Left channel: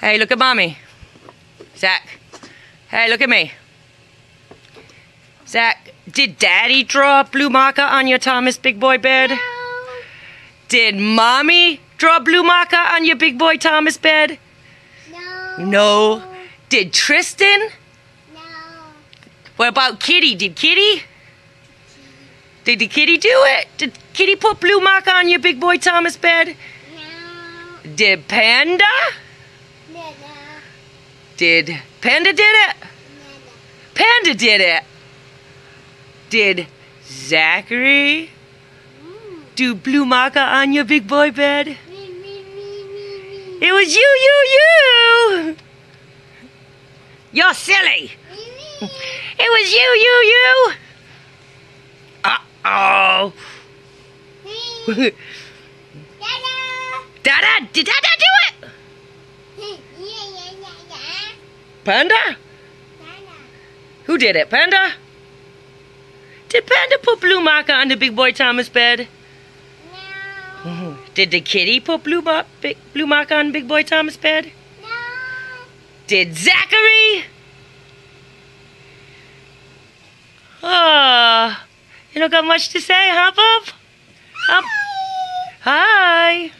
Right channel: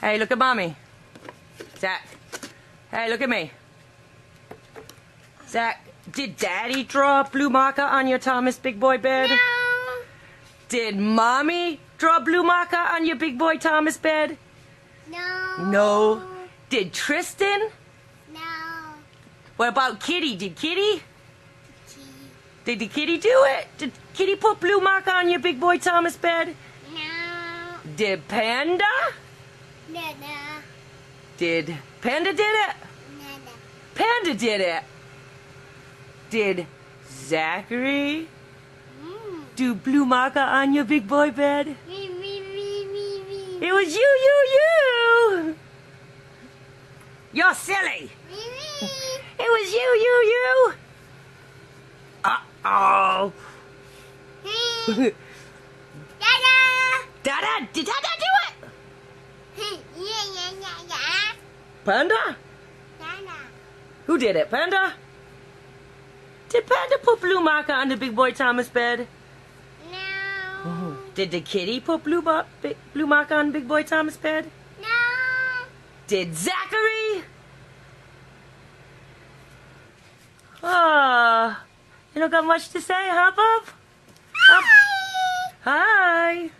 Hey, look at mommy. Zach. Hey, look at me. Zach, did Daddy draw a blue marker on your Thomas Big Boy bed? No. Did Mommy draw a blue marker on your Big Boy Thomas bed? No. No. Did Tristan? No. What about Kitty? Did Kitty? Did the Kitty do it? Did Kitty put blue marker on your Big Boy Thomas bed? No. Did Panda? No. Did Panda did it? No. Panda did it. Did Zachary do blue marker on your Big Boy bed? Me. It was you. You're silly. It was you. Uh-oh. Dada. Did Dada do it? Yeah. Panda? Dada. Who did it? Panda? Did Panda put blue marker on the Big Boy Thomas bed? No. Did the Kitty put blue marker on Big Boy Thomas bed? No. Did Zachary? Oh, you don't got much to say, huh, Bob? Hi.